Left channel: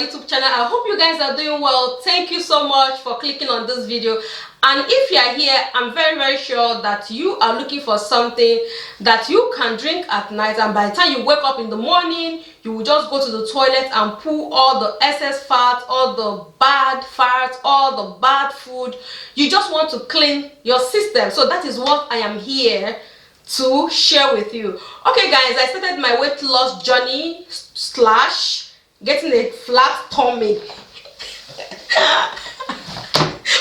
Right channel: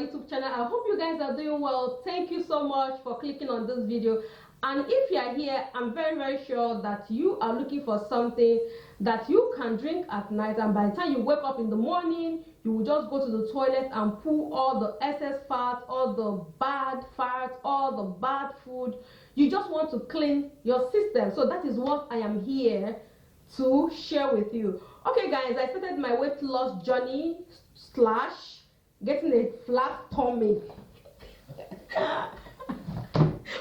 YouTube channel. I hope you guys are doing well. Thank you so much for clicking on this video. And if you are here, I'm very sure that you are looking for something that you can drink at night, and by the time you wake up in the morning, you will just go to the toilet and pull all the excess fat, all the bad fat, all the bad food. You just want to clean your system. So that is what I am here to share with you. Okay guys, I started my weight loss journey / getting a flat tummy.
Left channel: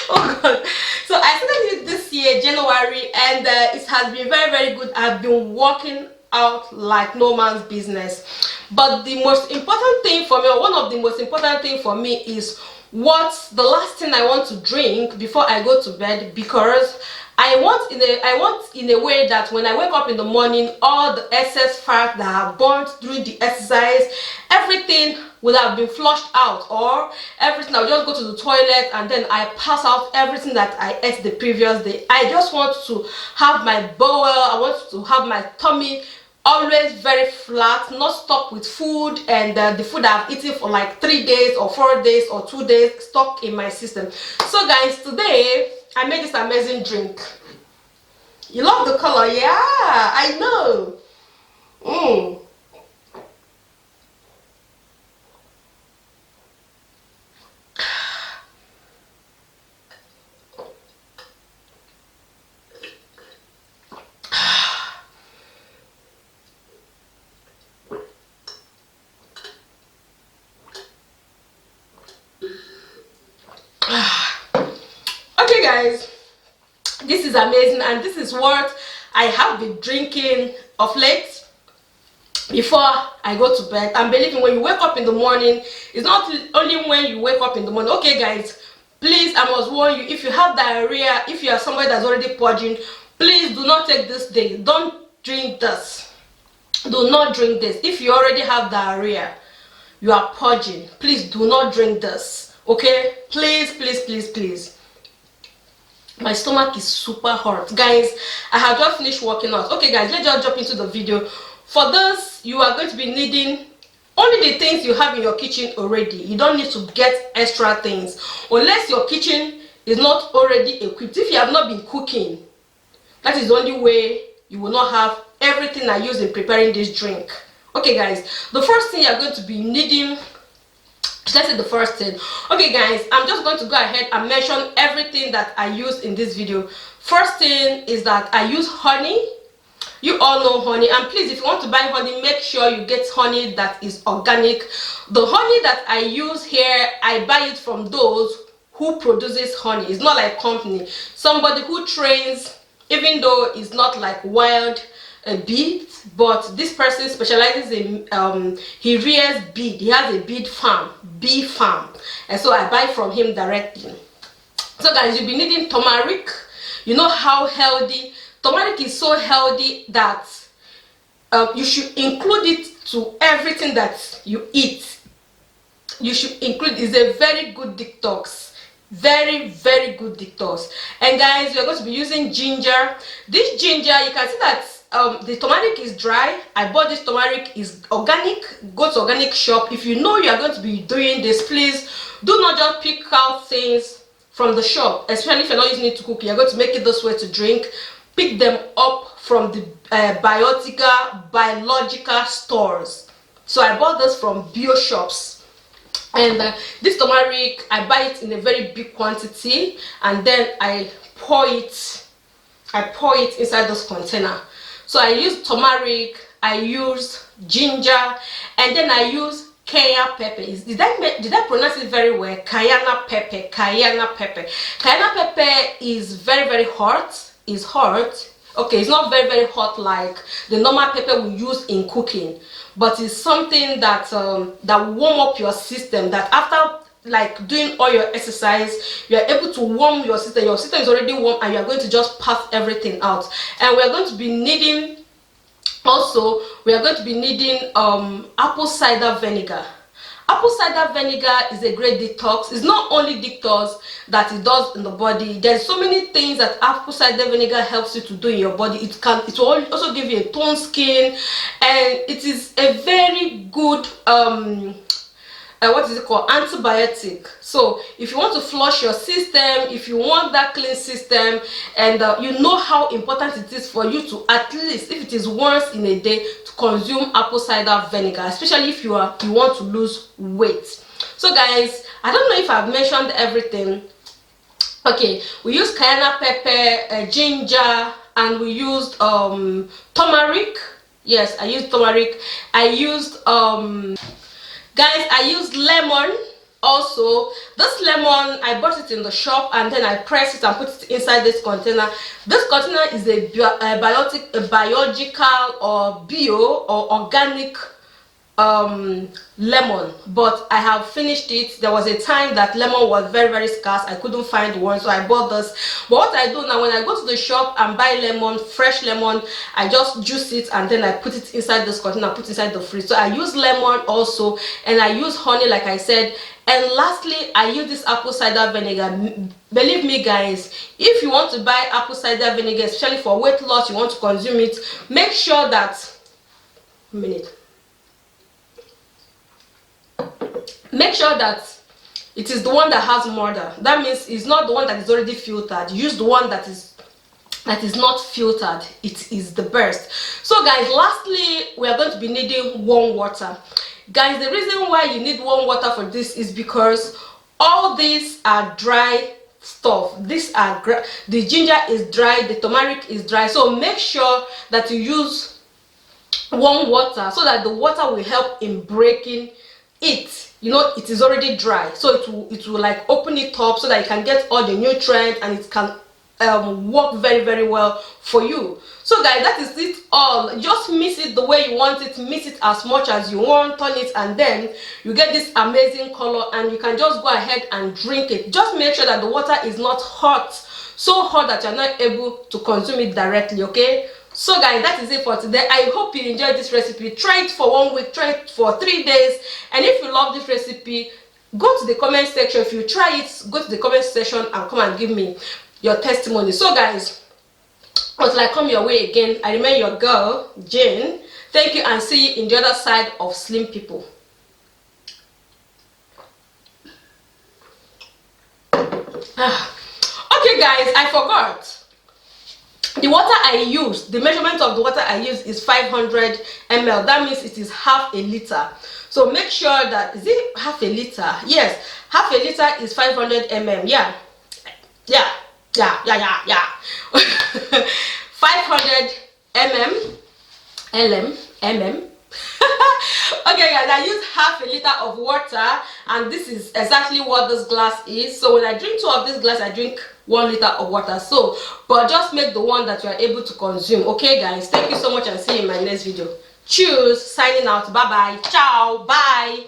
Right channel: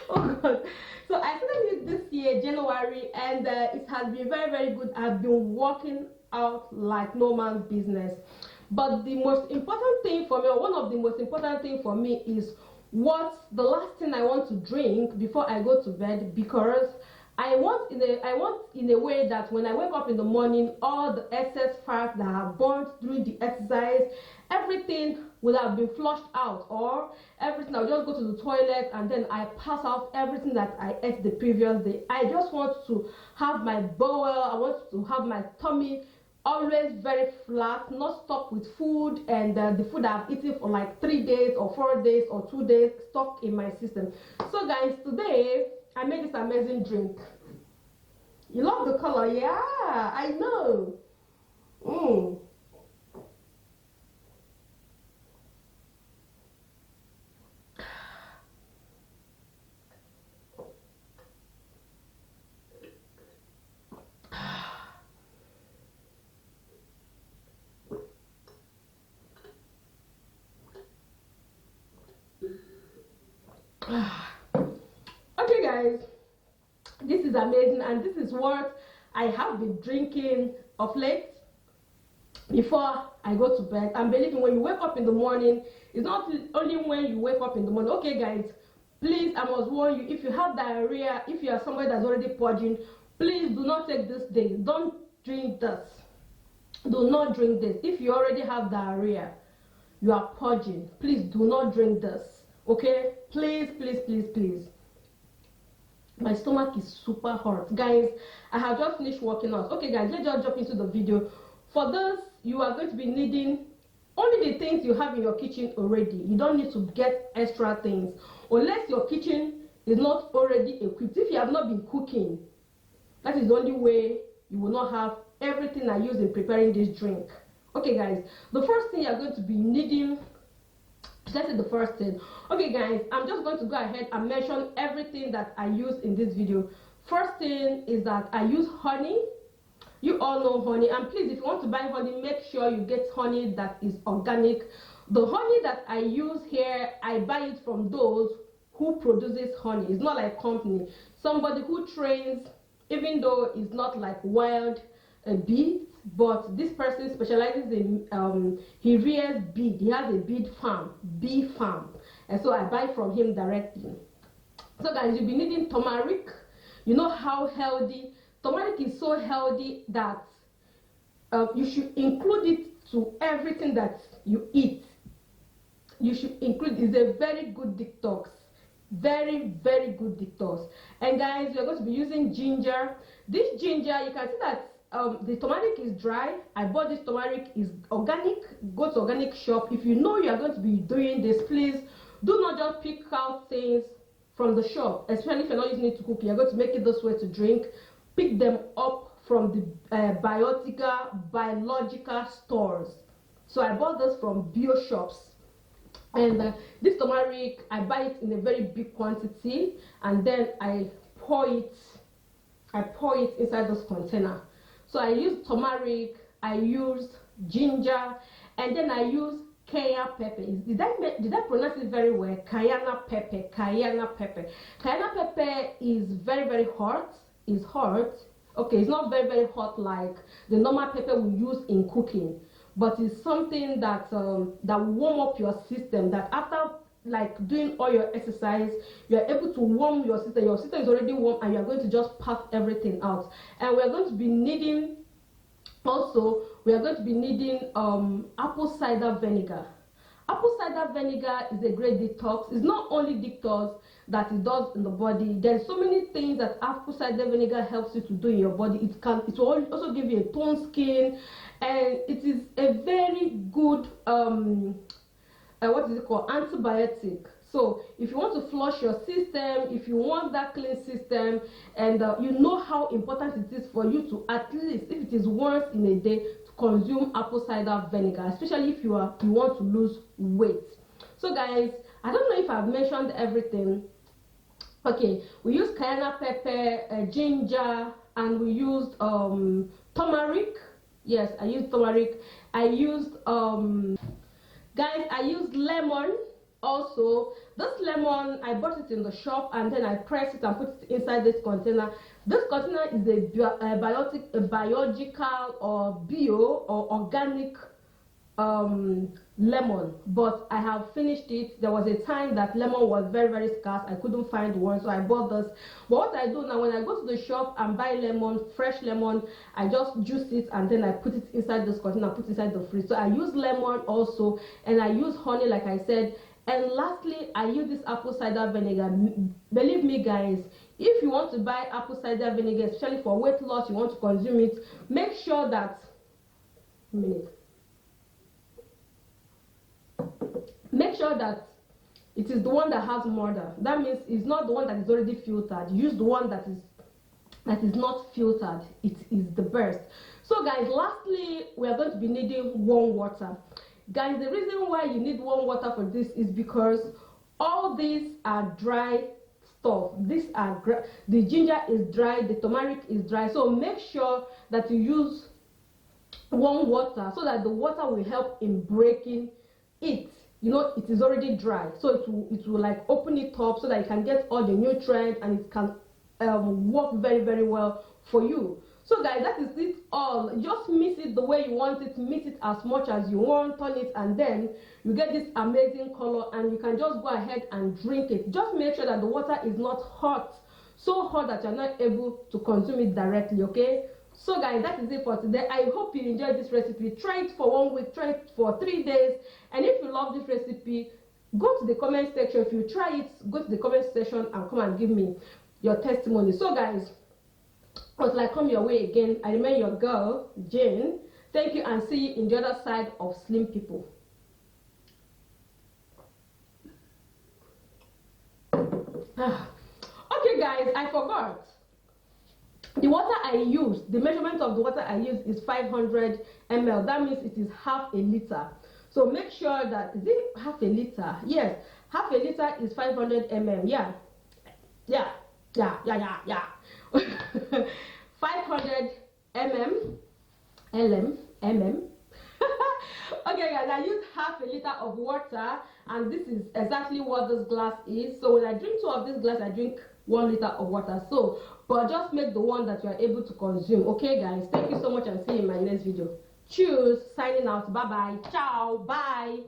Oh god. So I started it this year, January, and it has been very good. I've been working out like no man's business. But the most important thing for me, or one of the most important thing for me, is what's the last thing I want to drink before I go to bed, because I want in a way that when I wake up in the morning, all the excess fat that I have burnt during the exercise, everything will have been flushed out, or everything, I'll just go to the toilet and then I pass out everything that I ate the previous day. I just want to have my bowel, I want to have my tummy always very flat, not stuck with food, and the food I've eaten for like 3 days or 4 days or 2 days stuck in my system. So guys, today I made this amazing drink. You love the color? Yeah, I know. Okay guys, this is amazing, and this is what I have been drinking of late before I go to bed. And believe me, when you wake up in the morning, it's not only when you wake up in the morning. Okay guys, please, I must warn you, if you have diarrhea, if you are somebody that's already purging, please do not take this day. Don't drink this. Do not drink this. If you already have diarrhea, you are purging, please do not drink this. Okay, please. My stomach is super hot, guys. I have just finished working out. Okay guys, let's just jump into the video. For this, you are going to be needing only the things you have in your kitchen already. You don't need to get extra things unless your kitchen is not already equipped. If you have not been cooking, that is the only way you will not have everything I use in preparing this drink. Okay guys, the first thing you're going to be needing, let's say the first thing. Okay guys, I'm just going to go ahead and mention everything that I use in this video. First thing is that I use honey. You all know honey, and please, if you want to buy honey, make sure you get honey that is organic. The honey that I use here, I buy it from those who produces honey. It's not like company, somebody who trains, even though it's not like wild bees, but this person specializes in he rears bees. He has a bee farm, and so I buy from him directly. So guys, you'll be needing turmeric. You know how healthy turmeric is, so healthy that you should include it to everything that you eat. You should include. It's a very good detox, very good detox. And guys, you're going to be using ginger. This ginger, you can see that the turmeric is dry. I bought this turmeric, is organic. Go to organic shop. If you know you are going to be doing this, please do not just pick out things from the shop, especially if you're not using it to cook. You're going to make it this way to drink. Pick them up from the biological stores. So I bought this from bio shops, and this turmeric, I buy it in a very big quantity, and then I pour it inside this container. So I use turmeric, I use ginger, and then I use cayenne pepper. Did I pronounce it very well? Cayenne pepper. Cayenne pepper is very hot. It's hot. Okay, it's not very hot like the normal pepper we use in cooking, but it's something that that warm up your system, that after like doing all your exercise, you are able to warm your system. Your system is already warm, and you are going to just pass everything out. And we are going to be needing apple cider vinegar. Apple cider vinegar is a great detox. It's not only detox that it does in the body. There's so many things that apple cider vinegar helps you to do in your body. It will also give you a toned skin, and it is a very good what is it called, antibiotic. So if you want to flush your system, if you want that clean system, and you know how important it is for you to, at least if it is once in a day, to consume apple cider vinegar, especially if you want to lose weight. So guys, I don't know if I've mentioned everything. Okay, we used cayenne pepper, ginger, and we used turmeric. Yes, I used turmeric. I used guys, I used lemon also. This lemon, I bought it in the shop, and then I pressed it and put it inside this container. This container is a biological or bio or organic lemon, but I have finished it. There was a time that lemon was very scarce. I couldn't find one, so I bought this. But what I do now, when I go to the shop and buy lemon, fresh lemon, I just juice it and then I put it inside this container, put it inside the fridge. So I use lemon also, and I use honey, like I said. And lastly, I use this apple cider vinegar. Believe me guys, if you want to buy apple cider vinegar, especially for weight loss, you want to consume it, make sure that make sure that it is the one that has murder. That means it's not the one that is already filtered. Use the one that is not filtered. It is the best. So guys, lastly, we are going to be needing warm water. Guys, the reason why you need warm water for this is because all these are dry stuff. These are the ginger is dry, the turmeric is dry, so make sure that you use warm water so that the water will help in breaking it. You know, it is already dry, so it will like open it up so that you can get all the nutrients, and it can work very well for you. So guys, that is it all. Just mix it the way you want it, mix it as much as you want, turn it, and then you get this amazing color, and you can just go ahead and drink it. Just make sure that the water is not hot, so hot that you're not able to consume it directly. Okay, so guys, that is it for today. I hope you enjoyed this recipe. Try it for 1 week, try it for 3 days, and if you love this recipe, go to the comment section. If you try it, go to the comment section and come and give me your testimony. So guys, until I come your way again, I remain your girl Jane. Thank you, and see you in the other side of Slim People. Okay guys, I forgot. The water I use, the measurement of the water I use is 500 ml. That means it is half a liter. So make sure that, is it half a liter? Yes, half a liter is 500 ml. Yeah. 500 mm. Okay guys, I use half a liter of water, and this is exactly what this glass is. So when I drink 2 of this glass, I drink 1 liter of water. So but just make the one that you are able to consume. Okay guys, thank you so much, and see you in my next video. Cheers, signing out. Bye bye, ciao, bye.